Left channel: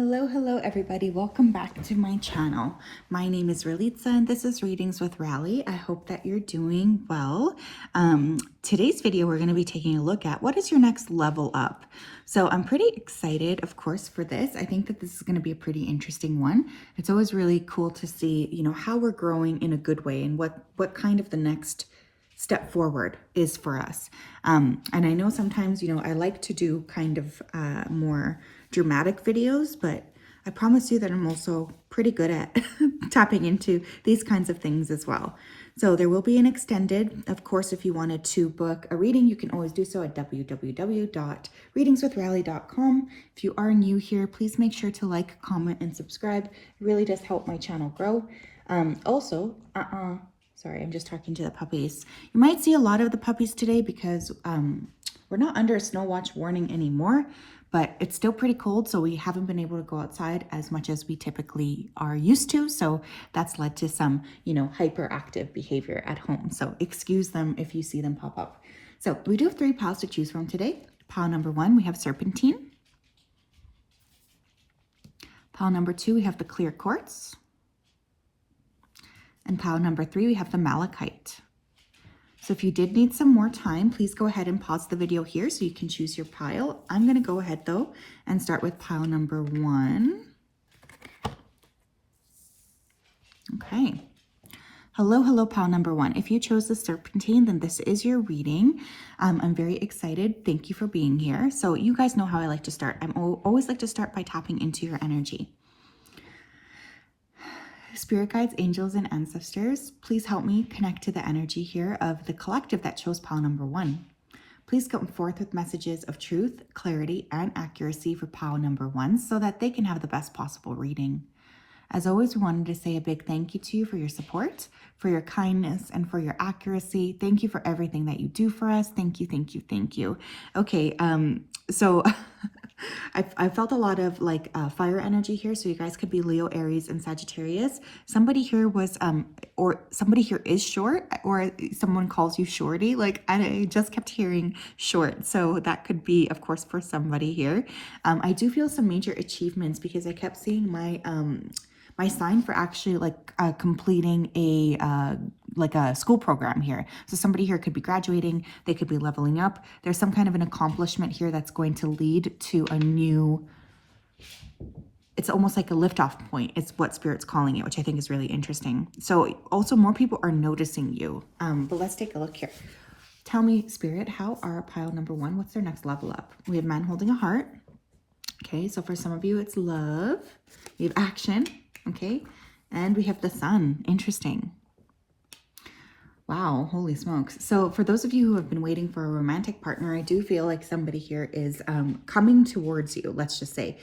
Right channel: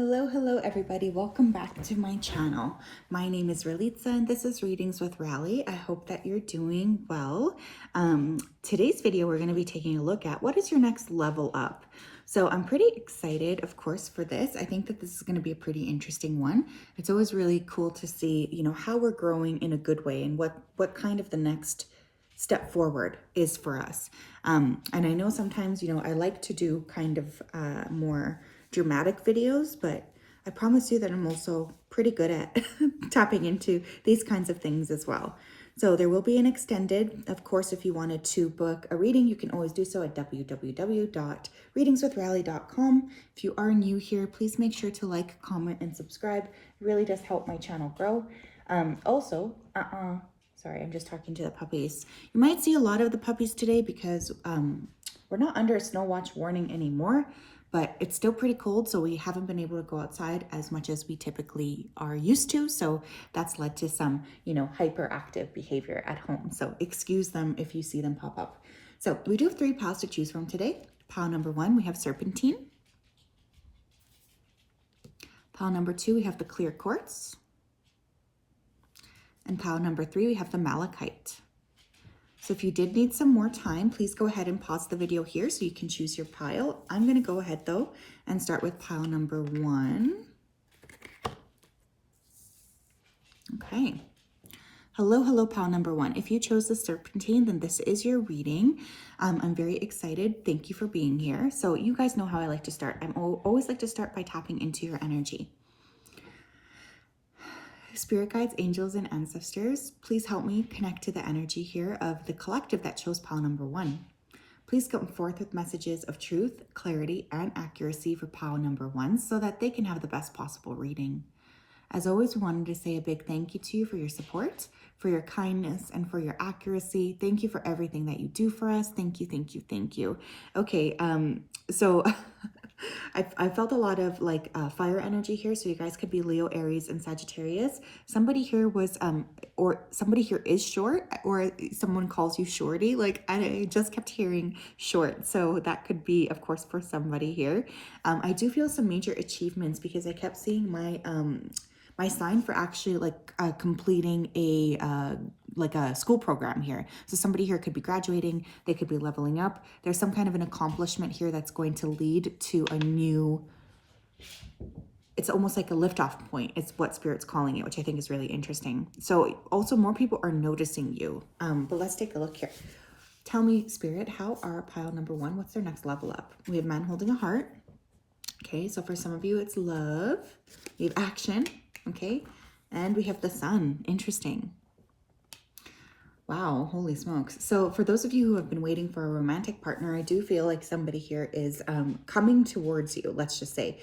Hello everybody. Welcome back to my channel. My name is Ralitza and this is Readings with Rally. I hope that you're doing well. Today's video, we're going to be taking a look at what is your next level up. So I'm pretty excited, of course, for this. I think that this is going to be a pretty interesting one. It's always really cool to see, how we're growing in a good way and what kind of the next step forward is for us. And I know sometimes, I like to do kind of more dramatic videos, but I promise you that I'm also pretty good at tapping into these kinds of things as well. So there will be an extended, of course, if you wanted to book a reading, you can always do so at www.readingswithrally.com. If you are new here, please make sure to like, comment, and subscribe. It really does help my channel grow. Sorry, I'm just talking to the puppies. You might see a lot of the puppies today because we're not under a snow watch warning anymore, but it's still pretty cold, so we haven't been able to go outside as much as we typically are used to. So that's led to some, hyperactive behavior at home. So excuse them if you see them pop up. So we do have 3 piles to choose from today. Pile number 1, we have Serpentine. Pile number 2, we have the Clear Quartz. And pile number 3, we have the Malachite. So if you did need some more time, please go ahead and pause the video here so you can choose your pile. I'm going to go ahead though and start with pile number 1. Okay. Hello, pile number 1. If you chose the Serpentine, then this is your reading. I'm very excited. Thank you for being here. So you guys know how I like to start. I always like to start by tapping into your energy. Spirit guides, angels, and ancestors, please help me connect to the energy here of the collective that chose pile number 1. Please come forth with messages of truth, clarity, and accuracy for pile number 1 so that they can have the best possible reading. As always, we wanted to say a big thank you to you for your support, for your kindness, and for your accuracy. Thank you for everything that you do for us. Thank you, thank you, thank you. Okay, so I felt a lot of fire energy here, so you guys could be Leo, Aries, and Sagittarius. Somebody here was, or somebody here is short, or someone calls you shorty. I just kept hearing short, so that could be, of course, for somebody here. I do feel some major achievements because I kept seeing my my sign for actually completing a school program here. So somebody here could be graduating, they could be leveling up. There's some kind of an accomplishment here that's going to lead to a new, it's almost like a liftoff point. It's what Spirit's calling it, which I think is really interesting. So also more people are noticing you. But let's take a look here. Tell me, Spirit, how are pile number 1? What's their next level up? We have man holding a heart. Okay, so for some of you, it's love. We have action. Okay, and we have the sun. Interesting. Wow, holy smokes. So for those of you who have been waiting for a romantic partner, I do feel like somebody here is coming towards you, let's just say.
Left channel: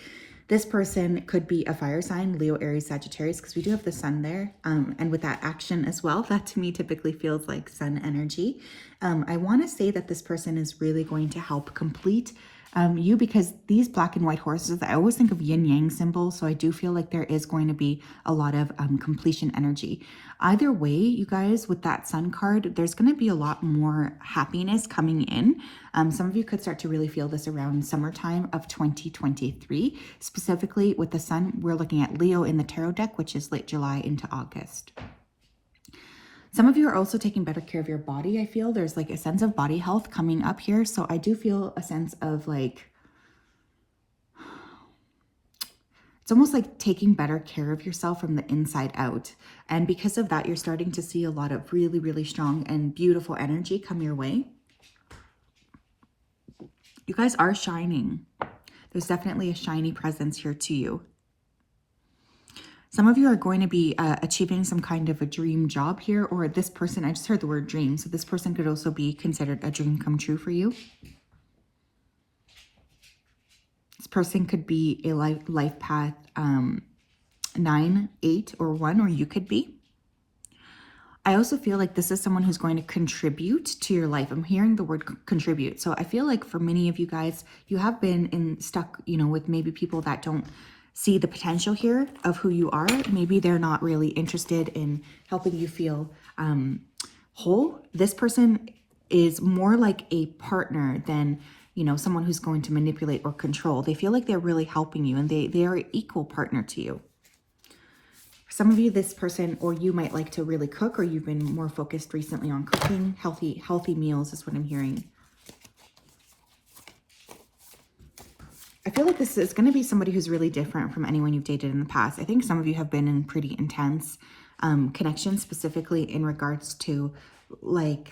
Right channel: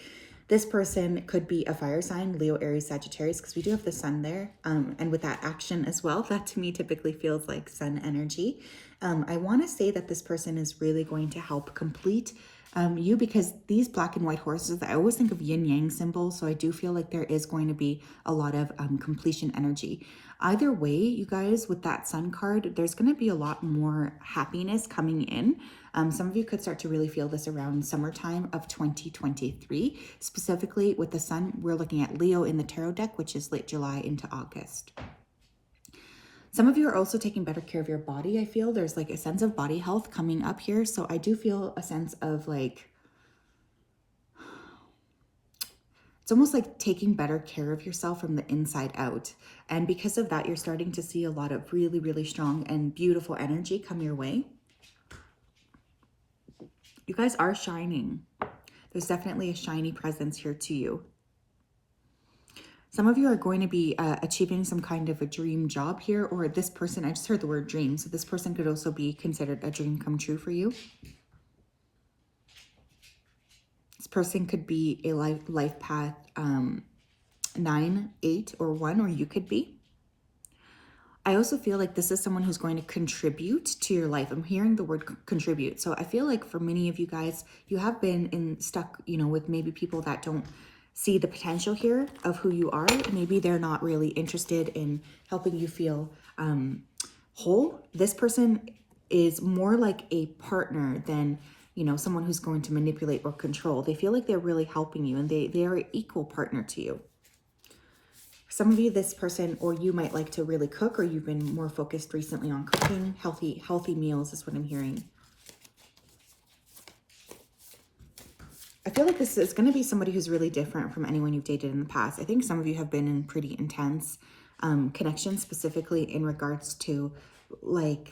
This person could be a fire sign, Leo, Aries, Sagittarius, because we do have the sun there. And with that action as well, that to me typically feels like sun energy. I want to say that this person is really going to help complete you, because these black and white horses, I always think of yin yang symbols. So I do feel like there is going to be a lot of completion energy. Either way, you guys, with that sun card, there's going to be a lot more happiness coming in. Some of you could start to really feel this around summertime of 2023. Specifically with the sun, we're looking at Leo in the tarot deck, which is late July into August. Some of you are also taking better care of your body. I feel there's a sense of body health coming up here. So I do feel a sense of it's almost like taking better care of yourself from the inside out. And because of that, you're starting to see a lot of really, really strong and beautiful energy come your way. You guys are shining. There's definitely a shiny presence here to you. Some of you are going to be achieving some kind of a dream job here, or this person, I just heard the word dream, so this person could also be considered a dream come true for you. This person could be a life path 9, 8, or 1, or you could be. I also feel like this is someone who's going to contribute to your life. I'm hearing the word contribute. So I feel like for many of you guys, you have been stuck, with maybe people that don't see the potential here of who you are. Maybe they're not really interested in helping you feel whole. This person is more like a partner than someone who's going to manipulate or control. They feel like they're really helping you, and they are an equal partner to you. For some of you, this person or you might like to really cook, or you've been more focused recently on cooking. Healthy meals is what I'm hearing. I feel like this is going to be somebody who's really different from anyone you've dated in the past. I think some of you have been in pretty intense connections, specifically in regards to like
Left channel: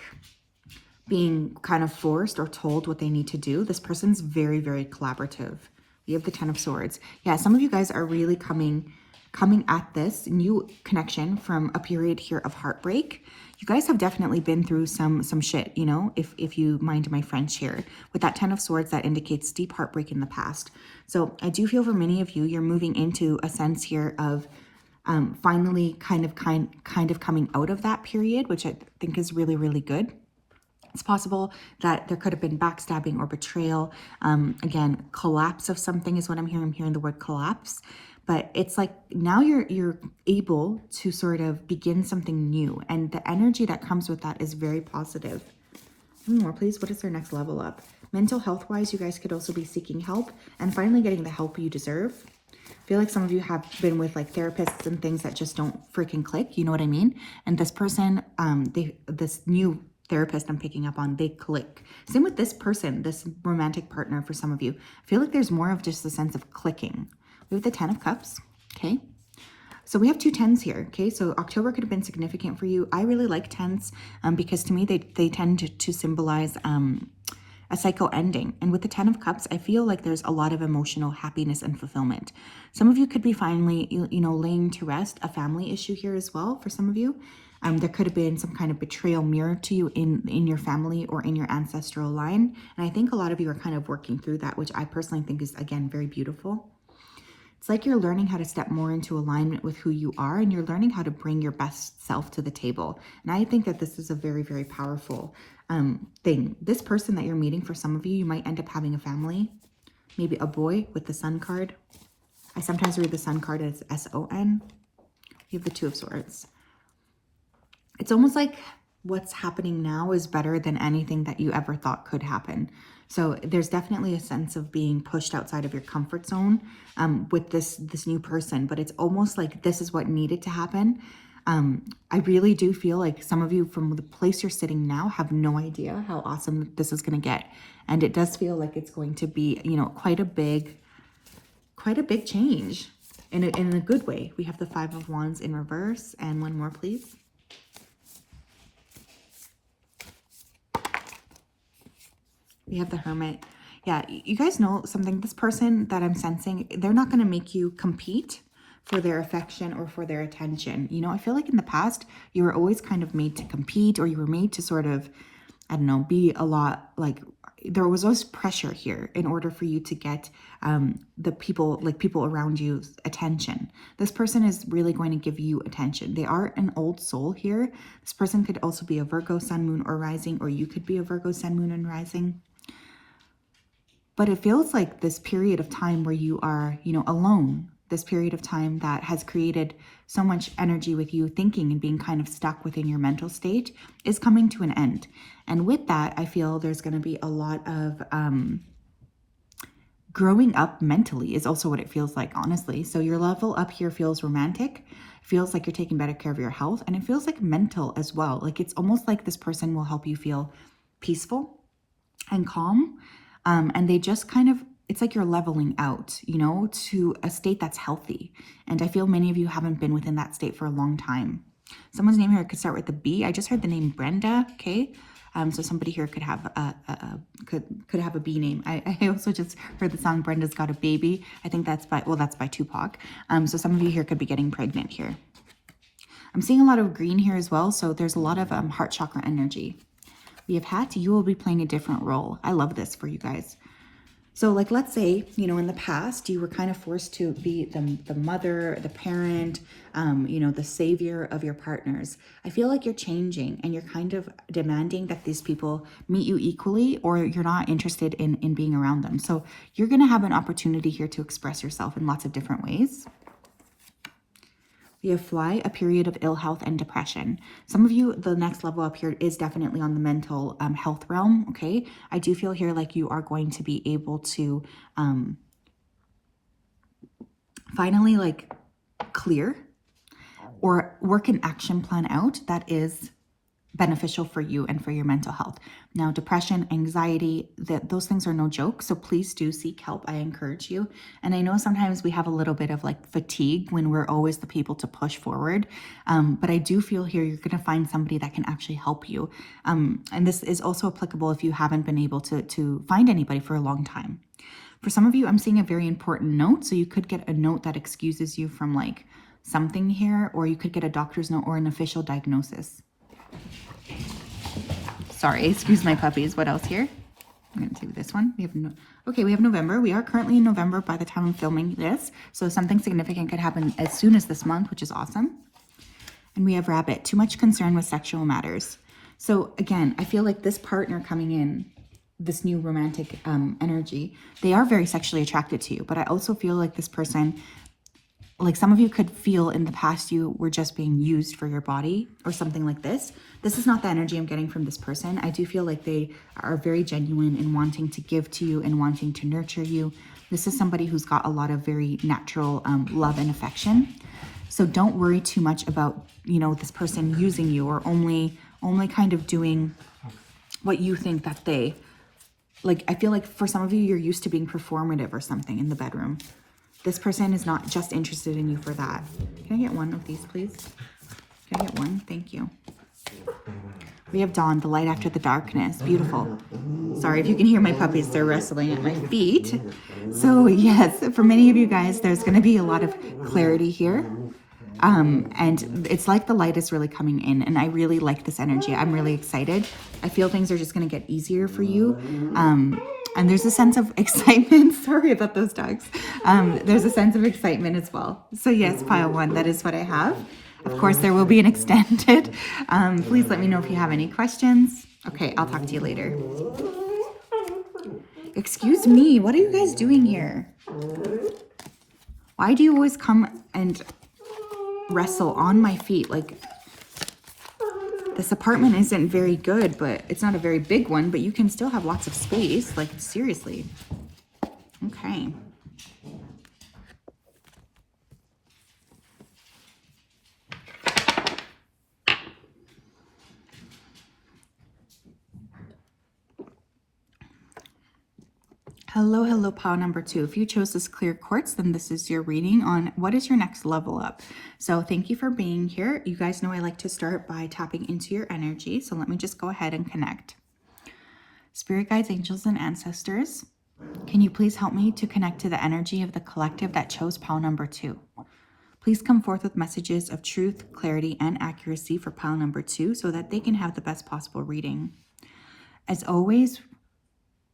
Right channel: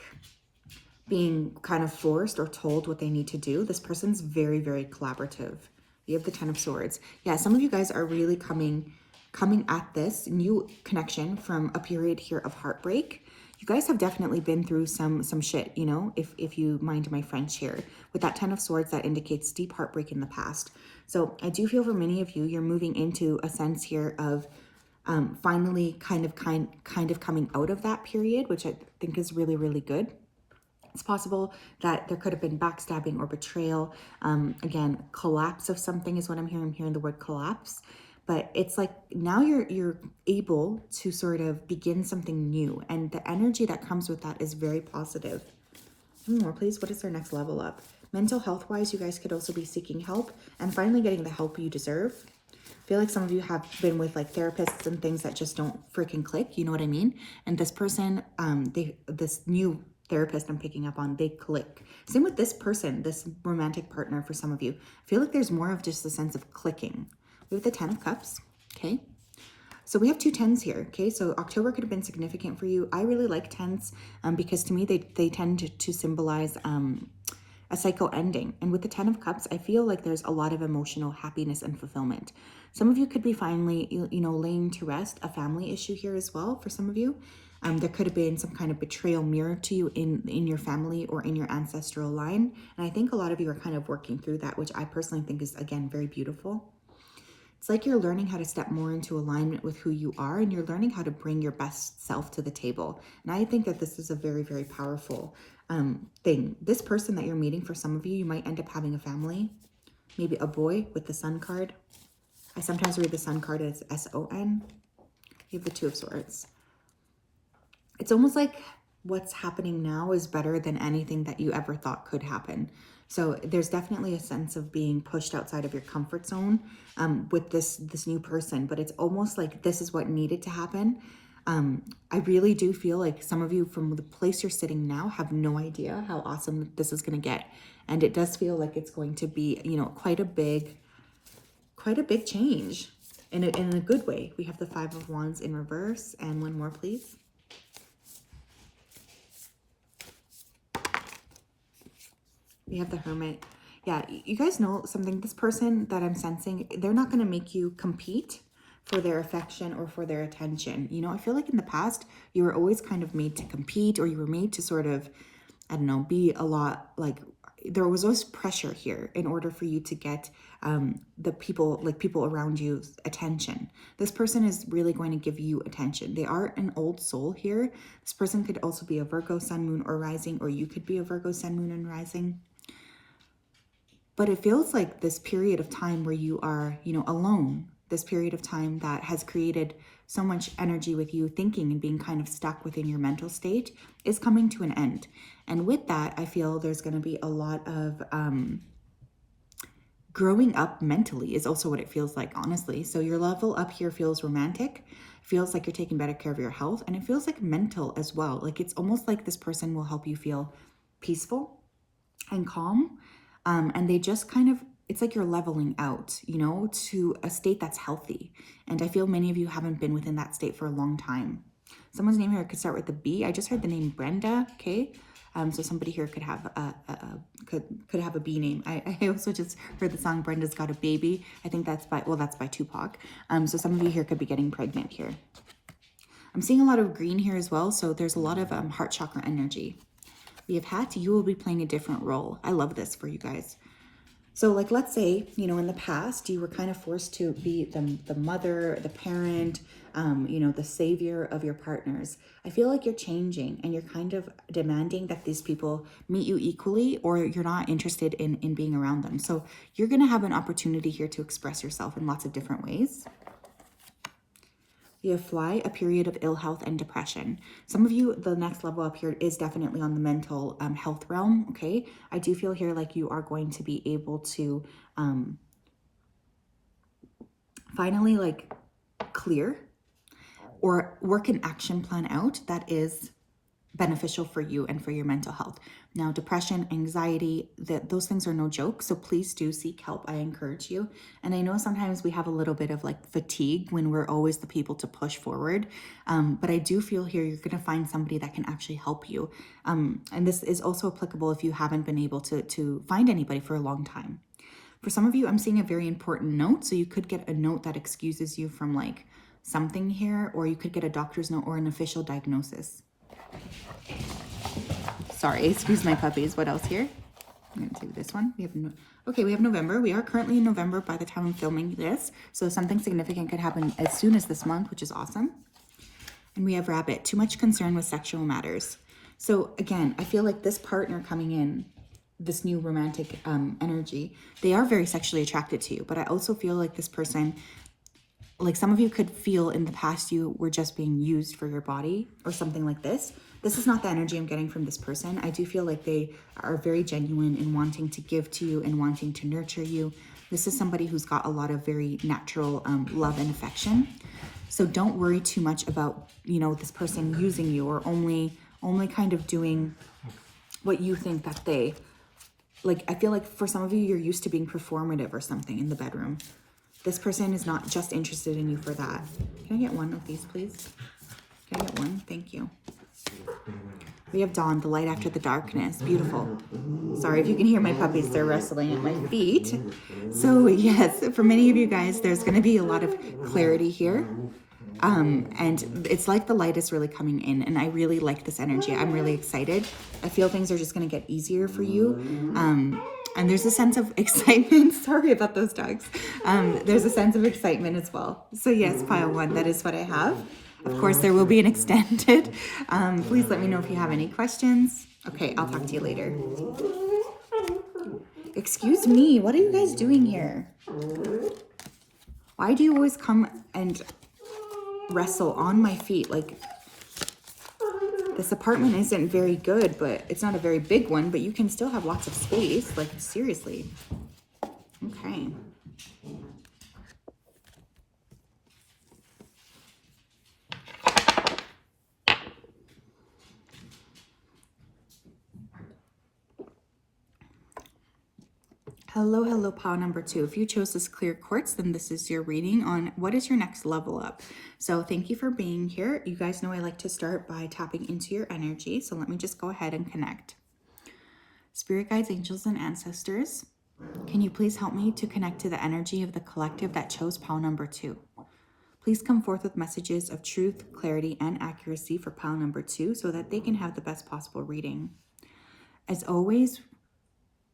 being kind of forced or told what they need to do. This person's very, very collaborative. You have the Ten of Swords. Yeah, some of you guys are really coming at this new connection from a period here of heartbreak. You guys have definitely been through some shit, if you mind my French here. With that Ten of Swords, that indicates deep heartbreak in the past. So I do feel for many of you, you're moving into a sense here of finally kind of coming out of that period, which I think is really, really good. It's possible that there could have been backstabbing or betrayal. Again, collapse of something is what I'm hearing. I'm hearing the word collapse. But it's like now you're able to sort of begin something new. And the energy that comes with that is very positive. One more, please. What is their next level up? Mental health-wise, you guys could also be seeking help and finally getting the help you deserve. I feel like some of you have been with like therapists and things that just don't freaking click. You know what I mean? And this person, this new therapist I'm picking up on, they click. Same with this person, this romantic partner for some of you. I feel like there's more of just a sense of clicking. We have the Ten of Cups, okay? So we have two tens here, okay? So October could have been significant for you. I really like tens because to me, they tend to symbolize a cycle ending. And with the Ten of Cups, I feel like there's a lot of emotional happiness and fulfillment. Some of you could be finally, laying to rest a family issue here as well for some of you. There could have been some kind of betrayal mirrored to you in your family or in your ancestral line. And I think a lot of you are kind of working through that, which I personally think is, again, very beautiful. It's like you're learning how to step more into alignment with who you are, and you're learning how to bring your best self to the table. And I think that this is a very, very powerful thing. This person that you're meeting, for some of you, you might end up having a family, maybe a boy with the Sun card. I sometimes read the Sun card as S-O-N. You have the Two of Swords. It's almost like what's happening now is better than anything that you ever thought could happen. So there's definitely a sense of being pushed outside of your comfort zone with this new person, but it's almost like this is what needed to happen. I really do feel like some of you from the place you're sitting now have no idea how awesome this is going to get. And it does feel like it's going to be, quite a big change in a good way. We have the Five of Wands in reverse, and one more, please. We have the Hermit. Yeah, you guys know something. This person that I'm sensing, they're not going to make you compete for their affection or for their attention. I feel like in the past, you were always kind of made to compete, or you were made to sort of, I don't know, be a lot like, there was always pressure here in order for you to get the people around you's attention. This person is really going to give you attention. They are an old soul here. This person could also be a Virgo sun, moon, or rising, or you could be a Virgo sun, moon, and rising. But it feels like this period of time where you are, alone, this period of time that has created so much energy with you thinking and being kind of stuck within your mental state is coming to an end. And with that, I feel there's going to be a lot of growing up mentally is also what it feels like, honestly. So your level up here feels romantic, feels like you're taking better care of your health, and it feels like mental as well. Like it's almost like this person will help you feel peaceful and calm. And they just kind of, it's like you're leveling out, to a state that's healthy. And I feel many of you haven't been within that state for a long time. Someone's name here could start with a B. I just heard the name Brenda, okay? So somebody here could have could have a B name. I also just heard the song Brenda's Got a Baby. I think that's by Tupac. So some of you here could be getting pregnant here. I'm seeing a lot of green here as well. So there's a lot of heart chakra energy. We have Hat. You will be playing a different role. I love this for you guys. So like, let's say, in the past, you were kind of forced to be the mother, the parent, the savior of your partners. I feel like you're changing and you're kind of demanding that these people meet you equally, or you're not interested in being around them. So you're going to have an opportunity here to express yourself in lots of different ways. We have fly, a period of ill health and depression. Some of you, the next level up here is definitely on the mental health realm, okay? I do feel here like you are going to be able to finally like clear or work an action plan out that is beneficial for you and for your mental health. Now, depression, anxiety, those things are no joke. So please do seek help. I encourage you. And I know sometimes we have a little bit of like fatigue when we're always the people to push forward. But I do feel here you're going to find somebody that can actually help you. And this is also applicable if you haven't been able to find anybody for a long time. For some of you, I'm seeing a very important note. So you could get a note that excuses you from like something here, or you could get a doctor's note or an official diagnosis. Sorry, excuse my puppies. What else here? I'm going to do this one. We have November. We are currently in November by the time I'm filming this. So something significant could happen as soon as this month, which is awesome. And we have Rabbit. Too much concern with sexual matters. So again, I feel like this partner coming in, this new romantic energy, they are very sexually attracted to you. But I also feel like this person, like some of you could feel in the past you were just being used for your body or something like this. This is not the energy I'm getting from this person. I do feel like they are very genuine in wanting to give to you and wanting to nurture you. This is somebody who's got a lot of very natural love and affection. So don't worry too much about, you know, this person using you or only kind of doing what you think that they, like, I feel like for some of you, you're used to being performative or something in the bedroom. This person is not just interested in you for that. Can I get one of these, please? Can I get one? Thank you. We have Dawn, the light after the darkness. Beautiful. Sorry if you can hear my puppies. They're wrestling at my feet. So yes, for many of you guys, there's going to be a lot of clarity here. And it's like the light is really coming in, and I really like this energy. I'm really excited. I feel things are just going to get easier for you. And there's a sense of excitement. Sorry about those dogs. There's a sense of excitement as well. So yes, pile one, that is what I have. Of course, there will be an extended. Please let me know if you have any questions. Okay, I'll talk to you later. Excuse me, what are you guys doing here? Why do you always come and wrestle on my feet? Like, this apartment isn't very good, but it's not a very big one, but you can still have lots of space. Like, seriously. Okay. Hello, pile number 2. If you chose this clear quartz, then this is your reading on what is your next level up. So thank you for being here. You guys know I like to start by tapping into your energy. So let me just go ahead and connect. Spirit guides, angels, and ancestors, can you please help me to connect to the energy of the collective that chose pile number 2? Please come forth with messages of truth, clarity, and accuracy for pile number 2 so that they can have the best possible reading. As always,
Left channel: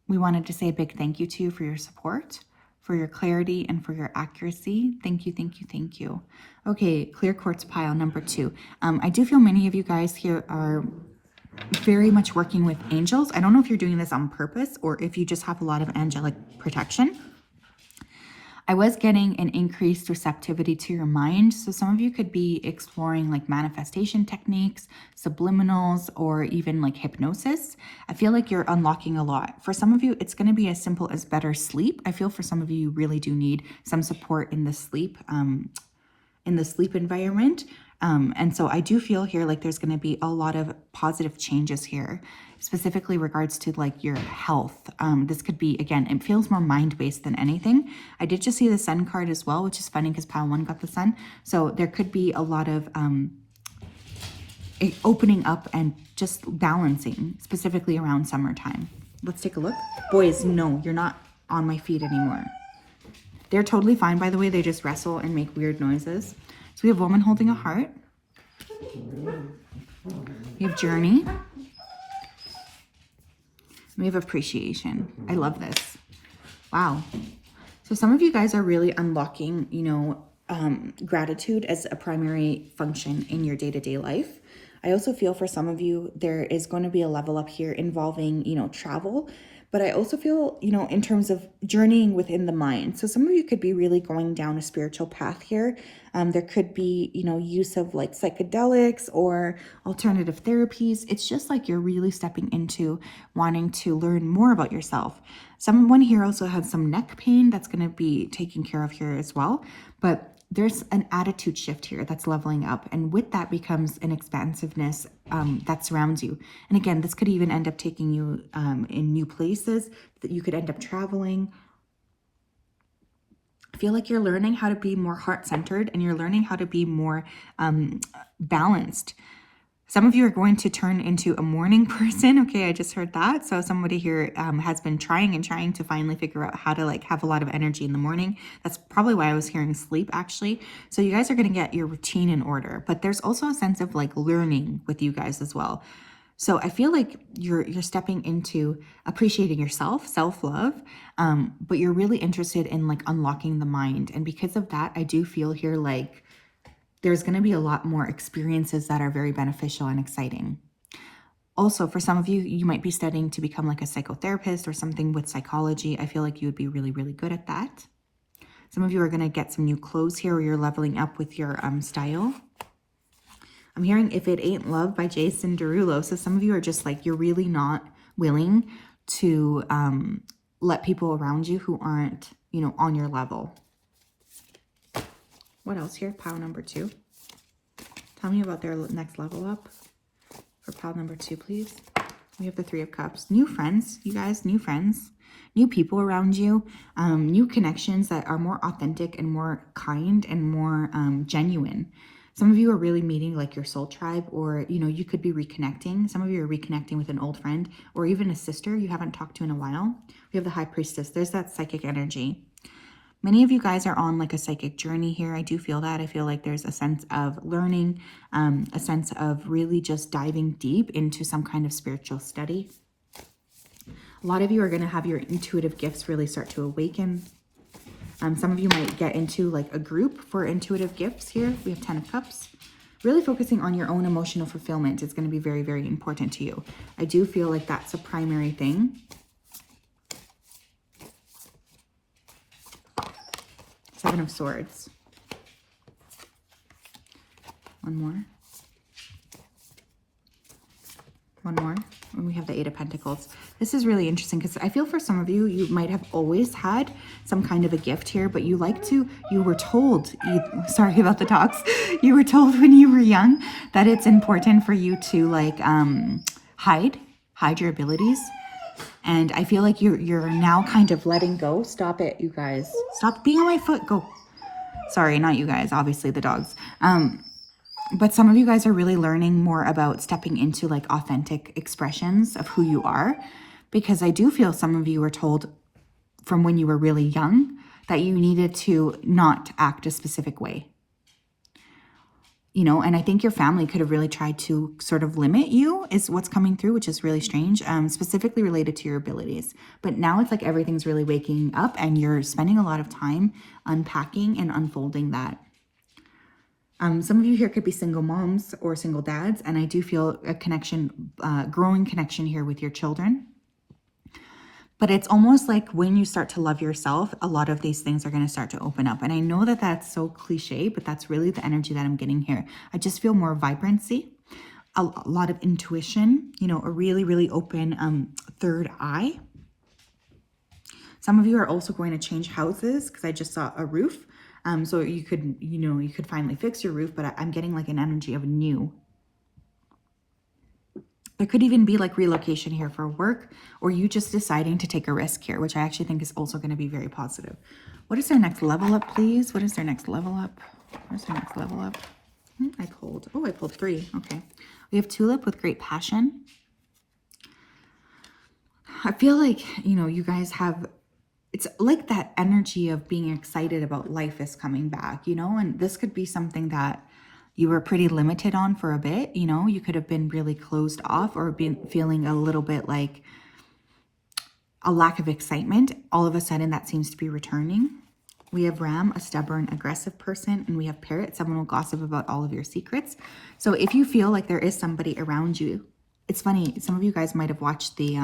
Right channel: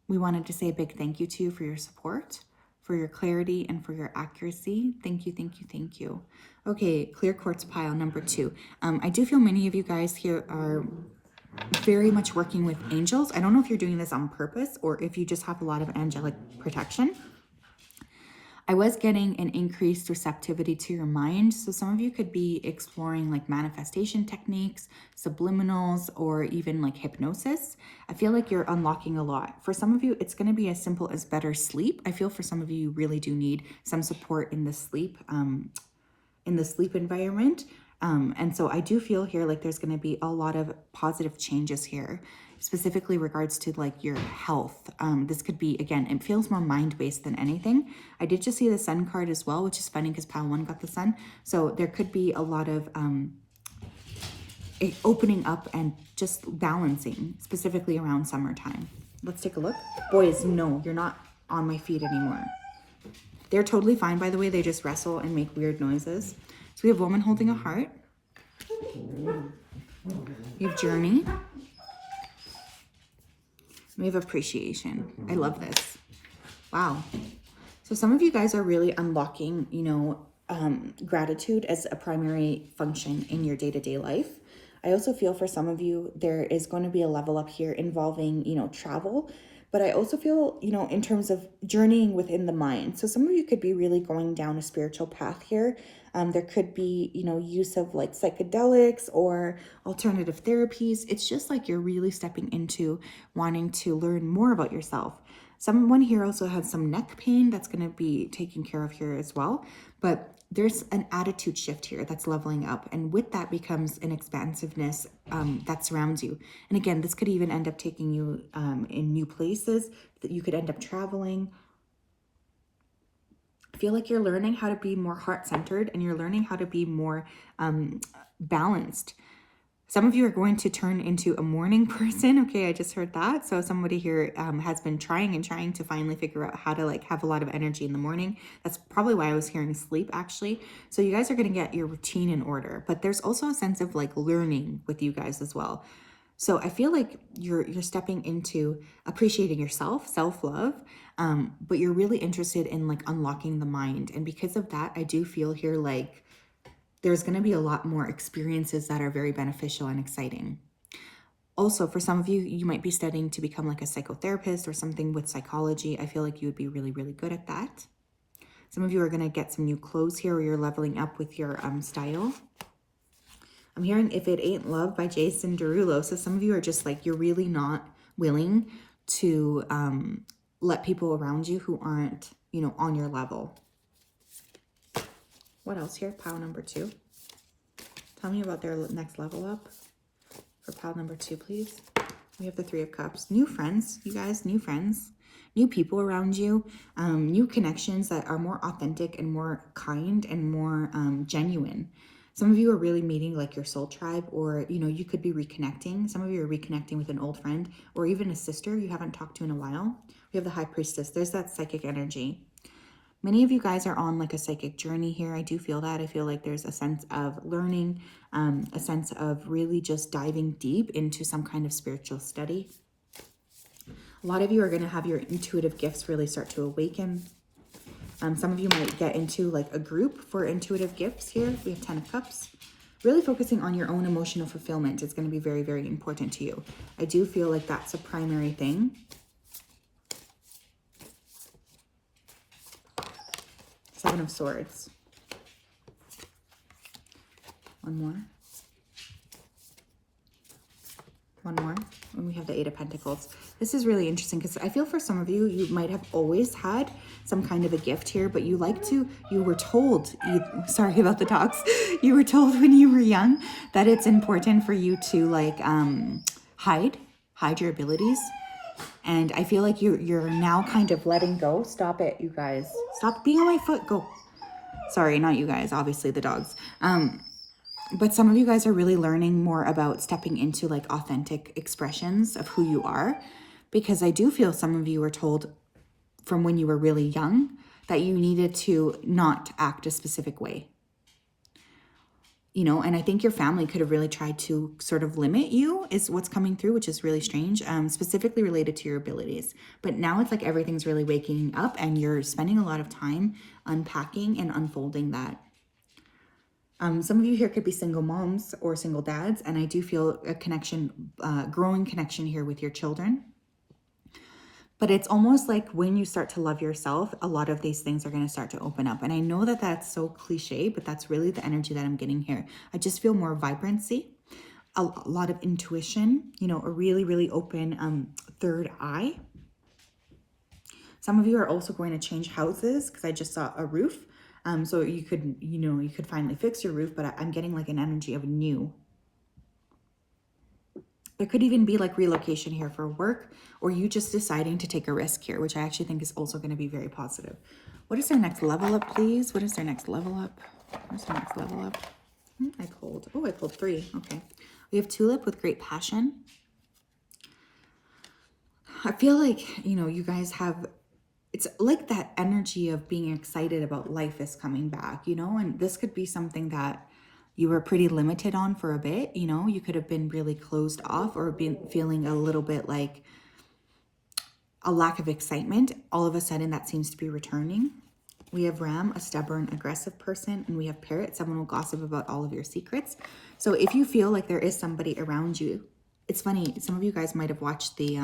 we wanted to say a big thank you to you for your support, for your clarity, and for your accuracy. Thank you, thank you, thank you. Okay, clear quartz pile number 2. I do feel many of you guys here are very much working with angels. I don't know if you're doing this on purpose or if you just have a lot of angelic protection. I was getting an increased receptivity to your mind. So some of you could be exploring like manifestation techniques, subliminals, or even like hypnosis. I feel like you're unlocking a lot. For some of you, it's going to be as simple as better sleep. I feel for some of you, you really do need some support in the sleep environment. And so I do feel here like there's going to be a lot of positive changes here, specifically regards to like your health. This could be, again, it feels more mind-based than anything. I did just see the sun card as well, which is funny because pile 1 got the sun. So there could be a lot of opening up and just balancing, specifically around summertime. Let's take a look. Boys, no, you're not on my feet anymore. They're totally fine, by the way. They just wrestle and make weird noises. So we have woman holding a heart. We have journey. We have appreciation. I love this. Wow. So some of you guys are really unlocking, gratitude as a primary function in your day-to-day life. I also feel for some of you, there is going to be a level up here involving, travel, But I also feel, in terms of journeying within the mind. So some of you could be really going down a spiritual path here. There could be, use of like psychedelics or alternative therapies. It's just like you're really stepping into wanting to learn more about yourself. Someone here also has some neck pain that's going to be taken care of here as well. But there's an attitude shift here that's leveling up. And with that becomes an expansiveness that surrounds you. And again, this could even end up taking you in new places, that you could end up traveling. I feel like you're learning how to be more heart-centered, and you're learning how to be more balanced. Some of you are going to turn into a morning person. Okay, I just heard that. So somebody here has been trying to finally figure out how to like have a lot of energy in the morning. That's probably why I was hearing sleep actually. So you guys are going to get your routine in order, but there's also a sense of like learning with you guys as well. So I feel like you're stepping into appreciating yourself, self-love, but you're really interested in like unlocking the mind. And because of that, I do feel here like there's going to be a lot more experiences that are very beneficial and exciting. Also, for some of you, you might be studying to become like a psychotherapist or something with psychology. I feel like you would be really, really good at that. Some of you are going to get some new clothes here, or you're leveling up with your style. I'm hearing If It Ain't Love by Jason Derulo. So some of you are just like, you're really not willing to let people around you who aren't, on your level. What else here? Pile number 2. Tell me about their next level up for pile number 2, please. We have the 3 of Cups. New friends, you guys, new friends, new people around you, new connections that are more authentic and more kind and more genuine. Some of you are really meeting like your soul tribe, or, you could be reconnecting. Some of you are reconnecting with an old friend or even a sister you haven't talked to in a while. We have the High Priestess. There's that psychic energy. Many of you guys are on like a psychic journey here. I do feel that. I feel like there's a sense of learning, a sense of really just diving deep into some kind of spiritual study. A lot of you are going to have your intuitive gifts really start to awaken. Some of you might get into like a group for intuitive gifts here. We have 10 of Cups. Really focusing on your own emotional fulfillment is going to be very, very important to you. I do feel like that's a primary thing. 7 of Swords. One more. And we have the 8 of Pentacles. This is really interesting because I feel for some of you, you might have always had some kind of a gift here, but you were told, sorry about the dogs, you were told when you were young that it's important for you to like hide your abilities. And I feel like you're now kind of letting go. Stop it, you guys. Stop being on my foot. Go. Sorry, not you guys. Obviously the dogs. But some of you guys are really learning more about stepping into like authentic expressions of who you are. Because I do feel some of you were told from when you were really young that you needed to not act a specific way. And I think your family could have really tried to sort of limit you is what's coming through, which is really strange, specifically related to your abilities. But now it's like everything's really waking up and you're spending a lot of time unpacking and unfolding that. Some of you here could be single moms or single dads, and I do feel a connection, growing connection here with your children. But it's almost like when you start to love yourself, a lot of these things are going to start to open up. And I know that that's so cliche, but that's really the energy that I'm getting here. I just feel more vibrancy, a lot of intuition, a really, really open third eye. Some of you are also going to change houses because I just saw a roof. So you could finally fix your roof, but I'm getting like an energy of new. There could even be like relocation here for work, or you just deciding to take a risk here, which I actually think is also going to be very positive. What is their next level up, please? What is their next level up? What's their next level up? I pulled 3. Okay. We have Tulip with great passion. I feel like, you guys have, it's like that energy of being excited about life is coming back, and this could be something that you were pretty limited on for a bit. You could have been really closed off or been feeling a little bit like a lack of excitement. All of a sudden that seems to be returning. We have Ram, a stubborn, aggressive person, and we have Parrot, someone will gossip about all of your secrets. So if you feel like there is somebody around you, it's funny, some of you guys might have watched the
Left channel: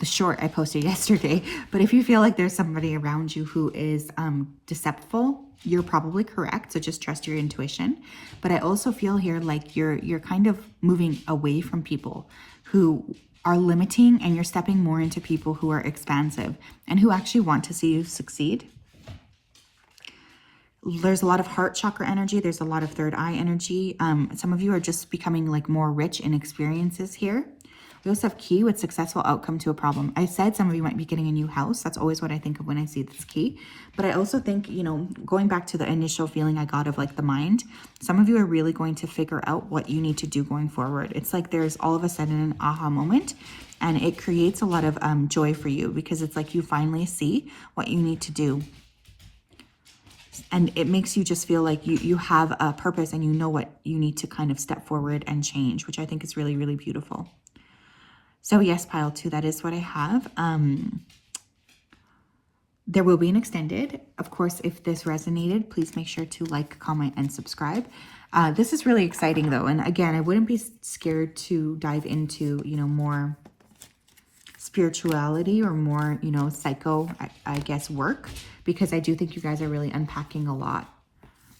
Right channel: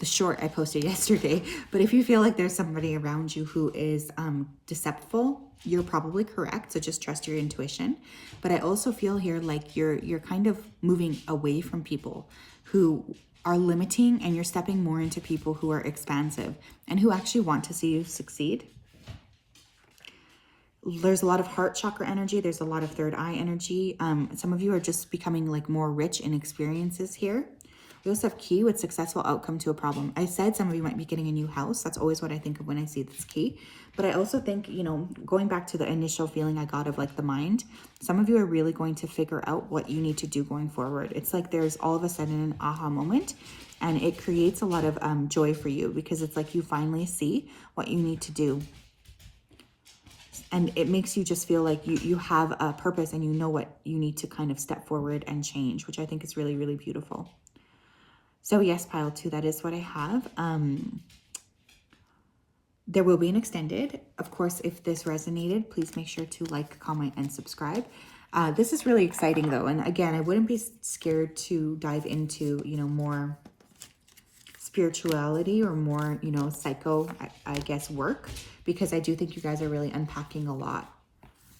the short I posted yesterday. But if you feel like there's somebody around you who is deceptive, you're probably correct. So just trust your intuition. But I also feel here like you're kind of moving away from people who are limiting, and you're stepping more into people who are expansive and who actually want to see you succeed. There's a lot of heart chakra energy. There's a lot of third eye energy. Some of you are just becoming like more rich in experiences here. We also have key with successful outcome to a problem. I said some of you might be getting a new house. That's always what I think of when I see this key. But I also think, you know, going back to the initial feeling I got of like the mind, some of you are really going to figure out what you need to do going forward. It's like there's all of a sudden an aha moment, and it creates a lot of joy for you, because it's like you finally see what you need to do. And it makes you just feel like you have a purpose, and you know what you need to kind of step forward and change, which I think is really, really beautiful. So yes, pile 2, that is what I have. There will be an extended. Of course, if this resonated, please make sure to like, comment, and subscribe. This is really exciting though. And again, I wouldn't be scared to dive into, you know, more spirituality or more, you know, psycho, I guess, work, because I do think you guys are really unpacking a lot.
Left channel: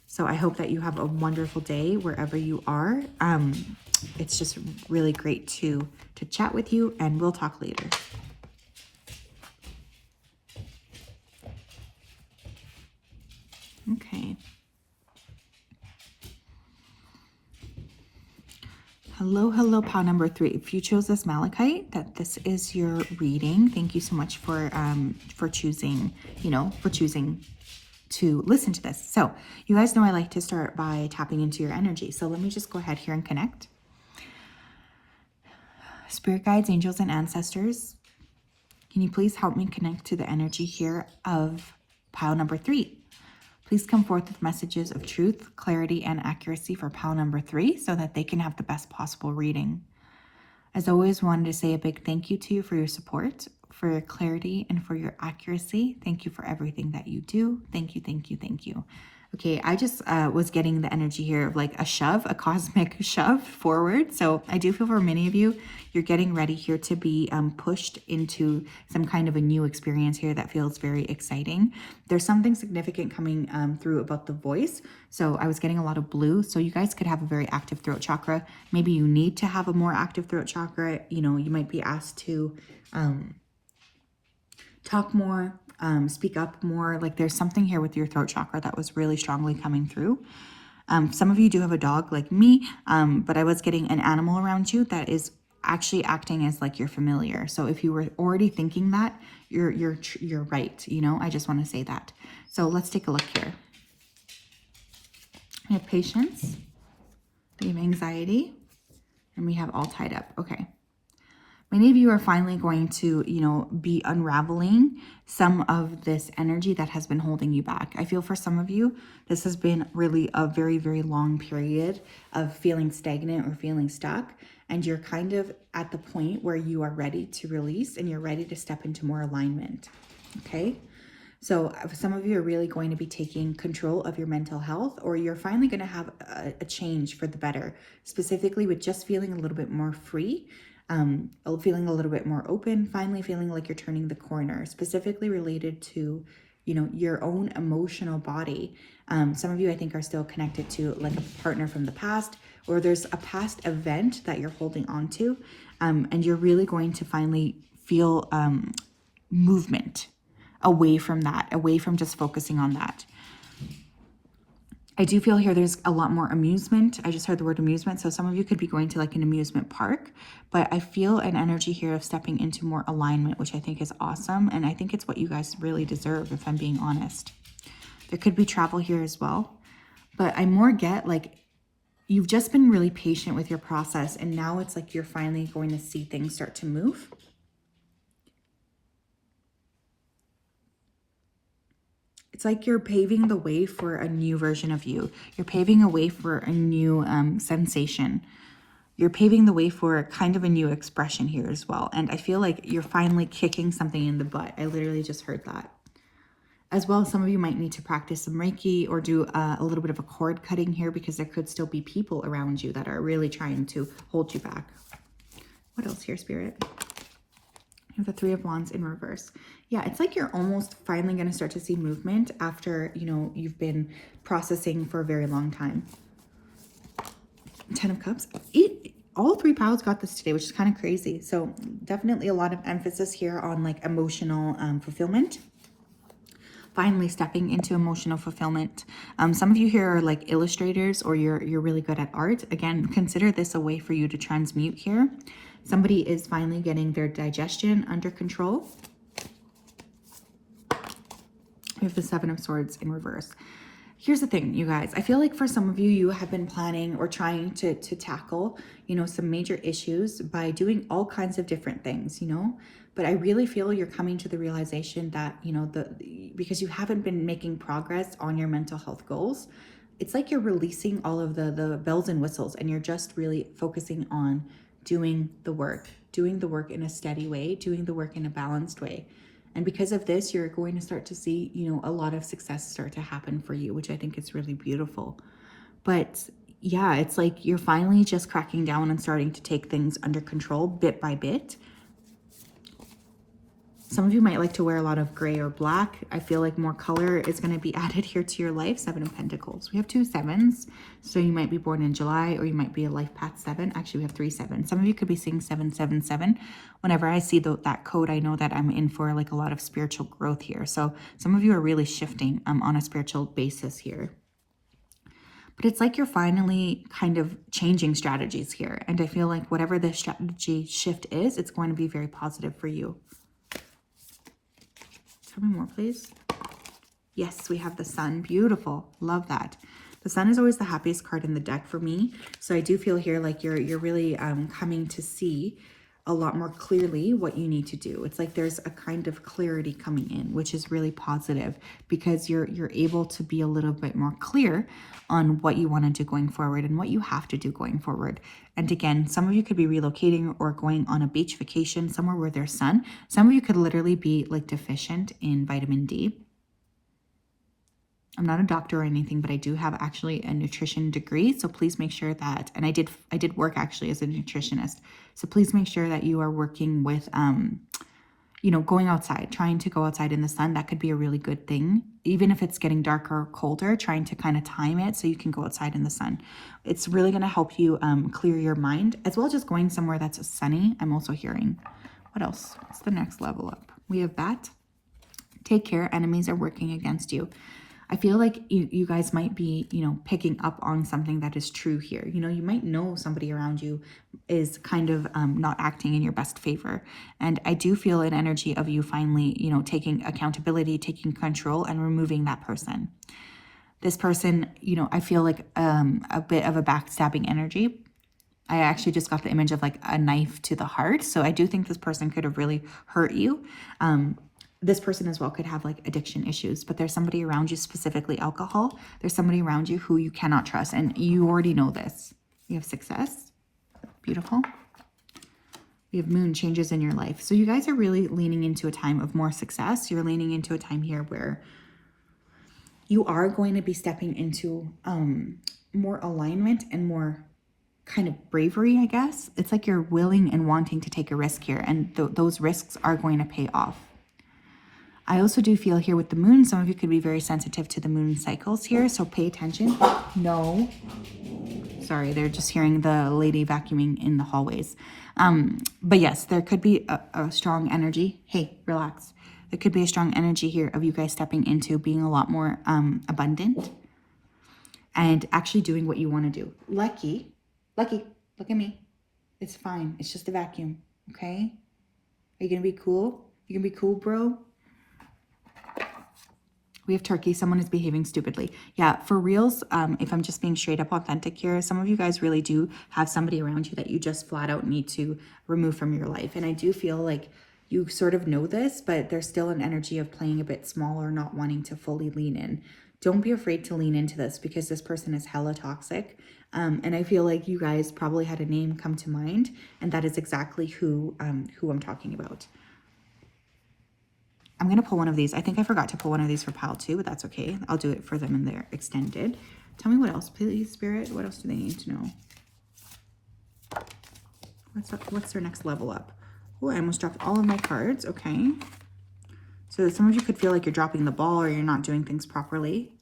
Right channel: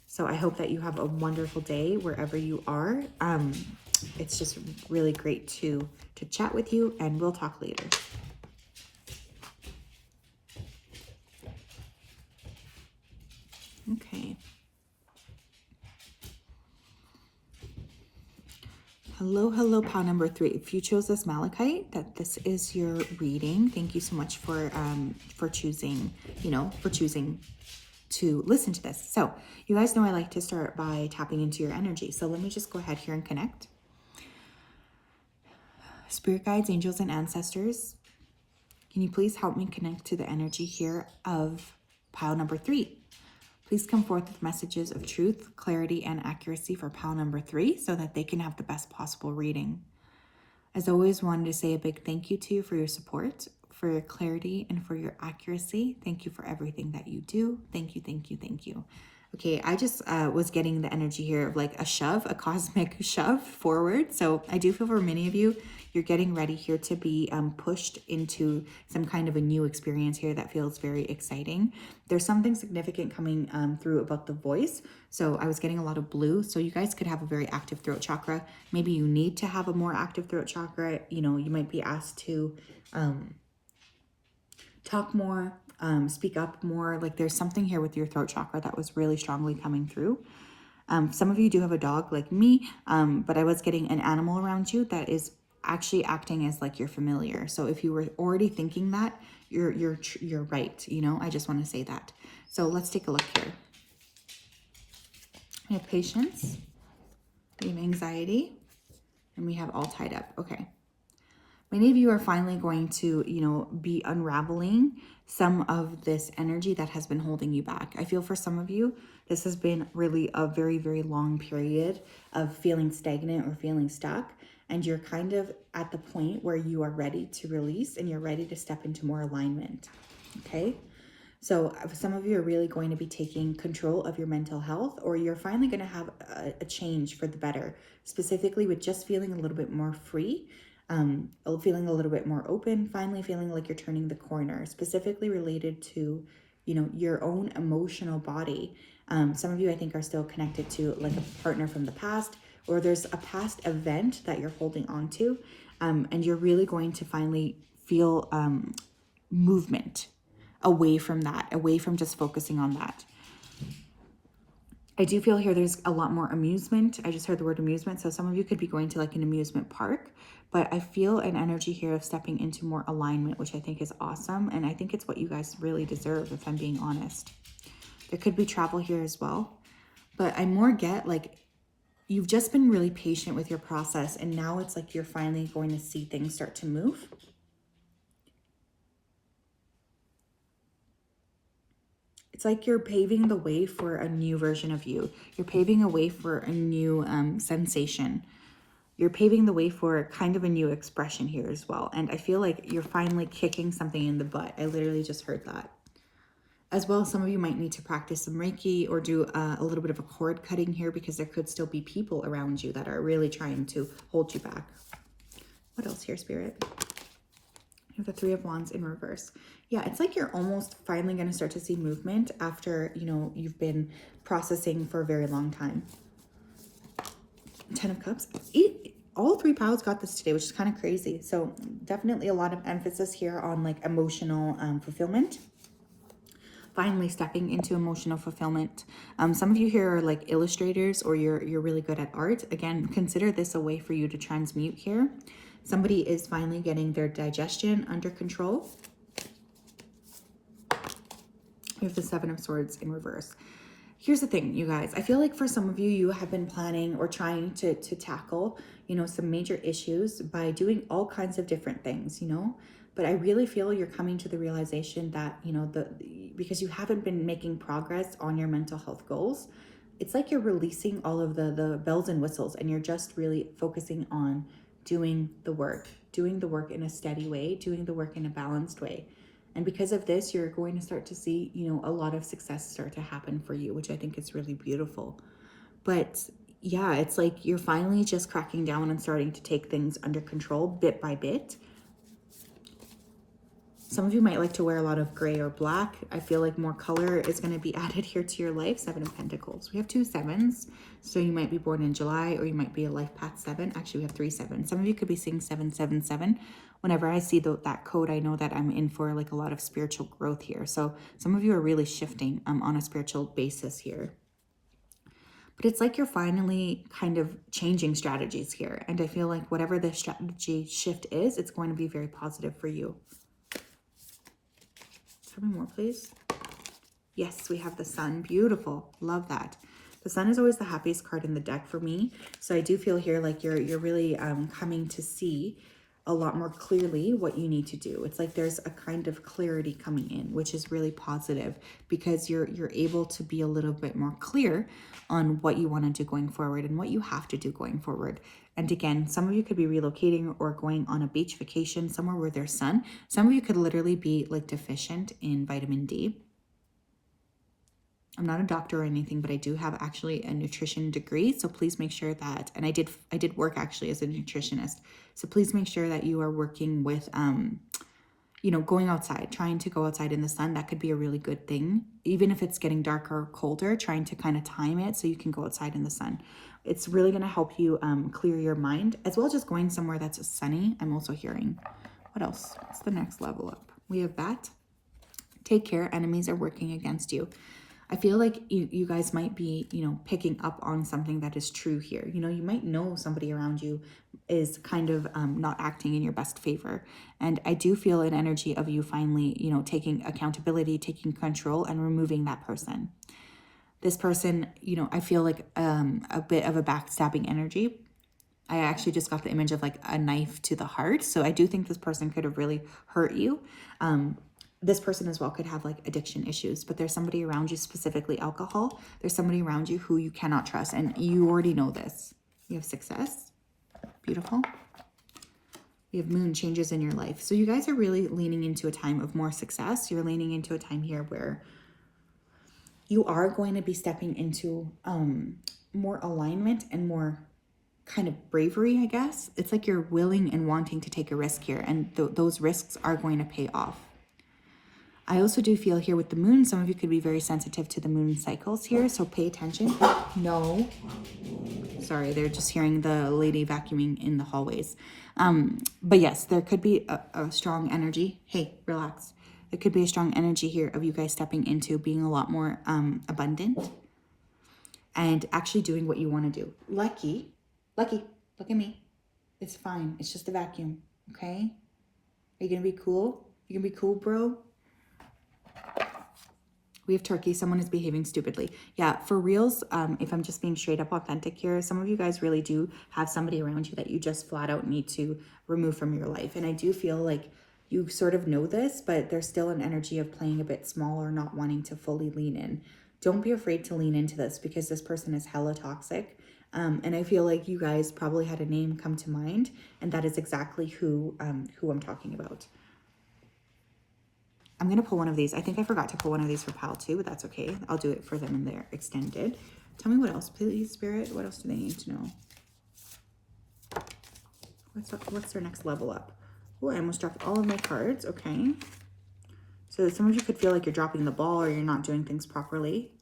So I hope that you have a wonderful day wherever you are. It's just really great to chat with you, and we'll talk later. Okay. Hello, pile number 3. If you chose this malachite, that this is your reading. Thank you so much for choosing, to listen to this. So you guys know I like to start by tapping into your energy. So let me just go ahead here and connect. Spirit guides, angels, and ancestors, can you please help me connect to the energy here of pile number 3? Please come forth with messages of truth, clarity, and accuracy for pile number 3 so that they can have the best possible reading. As always, wanted to say a big thank you to you for your support, for your clarity, and for your accuracy. Thank you for everything that you do. Thank you, thank you, thank you. Okay, I just was getting the energy here of like a shove, a cosmic shove forward. So I do feel for many of you, you're getting ready here to be pushed into some kind of a new experience here that feels very exciting. There's something significant coming through about the voice. So I was getting a lot of blue. So you guys could have a very active throat chakra. Maybe you need to have a more active throat chakra. You know, you might be asked to talk more, speak up more. Like there's something here with your throat chakra that was really strongly coming through. Some of you do have a dog like me, but I was getting an animal around you that is actually acting as like your familiar. So if you were already thinking that, you're right. You know, I just want to say that. So let's take a look here. We have patience, we have anxiety, and we have all tied up. Okay. Many of you are finally going to, you know, be unraveling some of this energy that has been holding you back. I feel for some of you, this has been really a very, very long period of feeling stagnant or feeling stuck. And you're kind of at the point where you are ready to release and you're ready to step into more alignment. Okay. So some of you are really going to be taking control of your mental health, or you're finally going to have a change for the better, specifically with just feeling a little bit more free. Feeling a little bit more open, finally feeling like you're turning the corner, specifically related to, you know, your own emotional body. Some of you, I think, are still connected to like a partner from the past, or there's a past event that you're holding on to, and you're really going to finally feel movement away from that, away from just focusing on that. I do feel here there's a lot more amusement. I just heard the word amusement. So some of you could be going to like an amusement park, but I feel an energy here of stepping into more alignment, which I think is awesome. And I think it's what you guys really deserve, if I'm being honest. There could be travel here as well, but I more get like you've just been really patient with your process, and now it's like you're finally going to see things start to move. It's like you're paving the way for a new version of you. You're paving a way for a new sensation. You're paving the way for kind of a new expression here as well. And I feel like you're finally kicking something in the butt. I literally just heard that. As well, some of you might need to practice some Reiki or do a little bit of a cord cutting here, because there could still be people around you that are really trying to hold you back. What else here, Spirit? have the Three of Wands in reverse. Yeah, it's like you're almost finally going to start to see movement after, you know, you've been processing for a very long time. 10 of Cups. All three piles got this today, which is kind of crazy. So definitely a lot of emphasis here on like emotional fulfillment. Finally stepping into emotional fulfillment. Some of you here are like illustrators, or you're really good at art. Again, consider this a way for you to transmute here. Somebody is finally getting their digestion under control. We have the Seven of Swords in reverse. Here's the thing, you guys. I feel like for some of you, you have been planning or trying to tackle, you know, some major issues by doing all kinds of different things, you know. But I really feel you're coming to the realization that, you know, because you haven't been making progress on your mental health goals, it's like you're releasing all of the bells and whistles, and you're just really focusing on doing the work in a steady way, doing the work in a balanced way. And because of this, you're going to start to see, you know, a lot of success start to happen for you, which I think is really beautiful. But yeah, it's like you're finally just cracking down and starting to take things under control bit by bit. Some of you might like to wear a lot of gray or black. I feel like more color is going to be added here to your life. Seven of Pentacles. We have 2 7s. So you might be born in July, or you might be a life path 7. Actually, we have 3 7s. Some of you could be seeing 777. Whenever I see that code, I know that I'm in for like a lot of spiritual growth here. So some of you are really shifting on a spiritual basis here. But it's like you're finally kind of changing strategies here. And I feel like whatever the strategy shift is, it's going to be very positive for you. Tell me more, please. Yes, we have the Sun. Beautiful. Love that. The Sun is always the happiest card in the deck for me. So I do feel here like you're really coming to see a lot more clearly what you need to do. It's like there's a kind of clarity coming in, which is really positive, because you're able to be a little bit more clear on what you want to do going forward and what you have to do going forward. And again, some of you could be relocating or going on a beach vacation somewhere where there's sun. Some of you could literally be like deficient in vitamin D. I'm not a doctor or anything, but I do have actually a nutrition degree. So please make sure that, and I did work actually as a nutritionist. So please make sure that you are working with, you know, going outside, trying to go outside in the sun. That could be a really good thing. Even if it's getting darker or colder, trying to kind of time it so you can go outside in the sun. It's really going to help you clear your mind, as well as just going somewhere that's sunny. I'm also hearing. What else? What's the next level up? We have that. Take care. Enemies are working against you. I feel like you guys might be, you know, picking up on something that is true here. You know, you might know somebody around you is kind of not acting in your best favor. And I do feel an energy of you finally, you know, taking accountability, taking control, and removing that person. This person, you know, I feel like a bit of a backstabbing energy. I actually just got the image of like a knife to the heart. So I do think this person could have really hurt you. This person as well could have like addiction issues, but there's somebody around you, specifically alcohol. There's somebody around you who you cannot trust, and you already know this. You have success. Beautiful. We have moon changes in your life. So you guys are really leaning into a time of more success. You're leaning into a time here where you are going to be stepping into more alignment and more kind of bravery, I guess. It's like you're willing and wanting to take a risk here, and those risks are going to pay off. I also do feel here with the moon, some of you could be very sensitive to the moon cycles here, so pay attention. No. Sorry, they're just hearing the lady vacuuming in the hallways. But yes, there could be a strong energy. Hey, relax. There could be a strong energy here of you guys stepping into being a lot more abundant and actually doing what you want to do. Lucky, look at me. It's fine. It's just a vacuum, okay? Are you going to be cool? You going to be cool, bro? We have Turkey. Someone is behaving stupidly. Yeah, for reals, if I'm just being straight up authentic here, some of you guys really do have somebody around you that you just flat out need to remove from your life. And I do feel like you sort of know this, but there's still an energy of playing a bit smaller, not wanting to fully lean in. Don't be afraid to lean into this, because this person is hella toxic. And I feel like you guys probably had a name come to mind, and that is exactly who I'm talking about. I'm going to pull one of these. I think I forgot to pull one of these for pile 2, but that's okay. I'll do it for them in their extended. Tell me what else, please, Spirit. What else do they need to know? What's their next level up? Oh, I almost dropped all of my cards. Okay. So some of you could feel like you're dropping the ball or you're not doing things properly.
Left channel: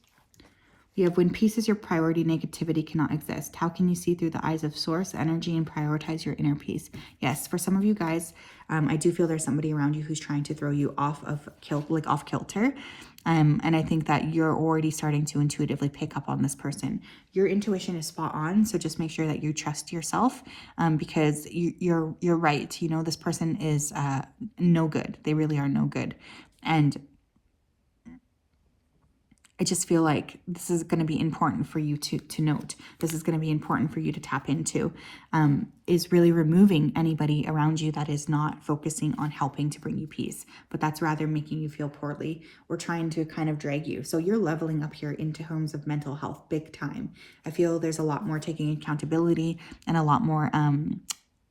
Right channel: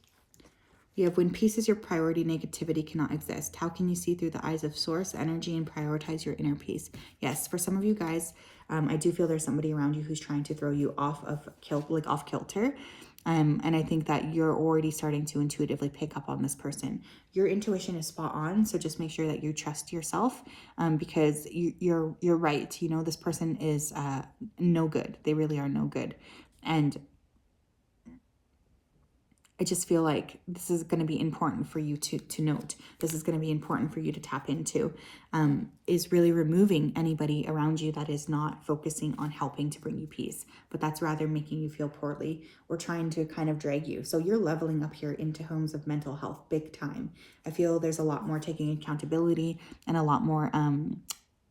You have when peace is your priority, negativity cannot exist. How can you see through the eyes of source energy and prioritize your inner peace? Yes, for some of you guys, I do feel there's somebody around you who's trying to throw you off kilter. And I think that you're already starting to intuitively pick up on this person. Your intuition is spot on, so just make sure that you trust yourself, because you're right. You know, this person is no good. They really are no good. And I just feel like this is going to be important for you to note. This is going to be important for you to tap into, is really removing anybody around you that is not focusing on helping to bring you peace, but that's rather making you feel poorly or trying to kind of drag you. So you're leveling up here in terms of mental health big time. I feel there's a lot more taking accountability and a lot more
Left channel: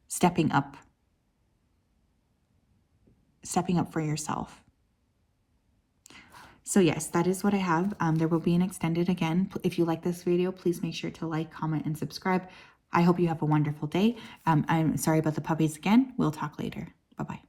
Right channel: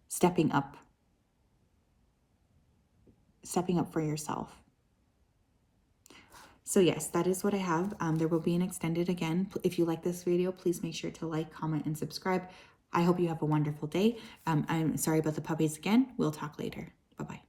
stepping up for yourself. So yes, that is what I have. There will be an extended again. If you like this video, please make sure to like, comment, and subscribe. I hope you have a wonderful day. I'm sorry about the puppies again. We'll talk later. Bye-bye.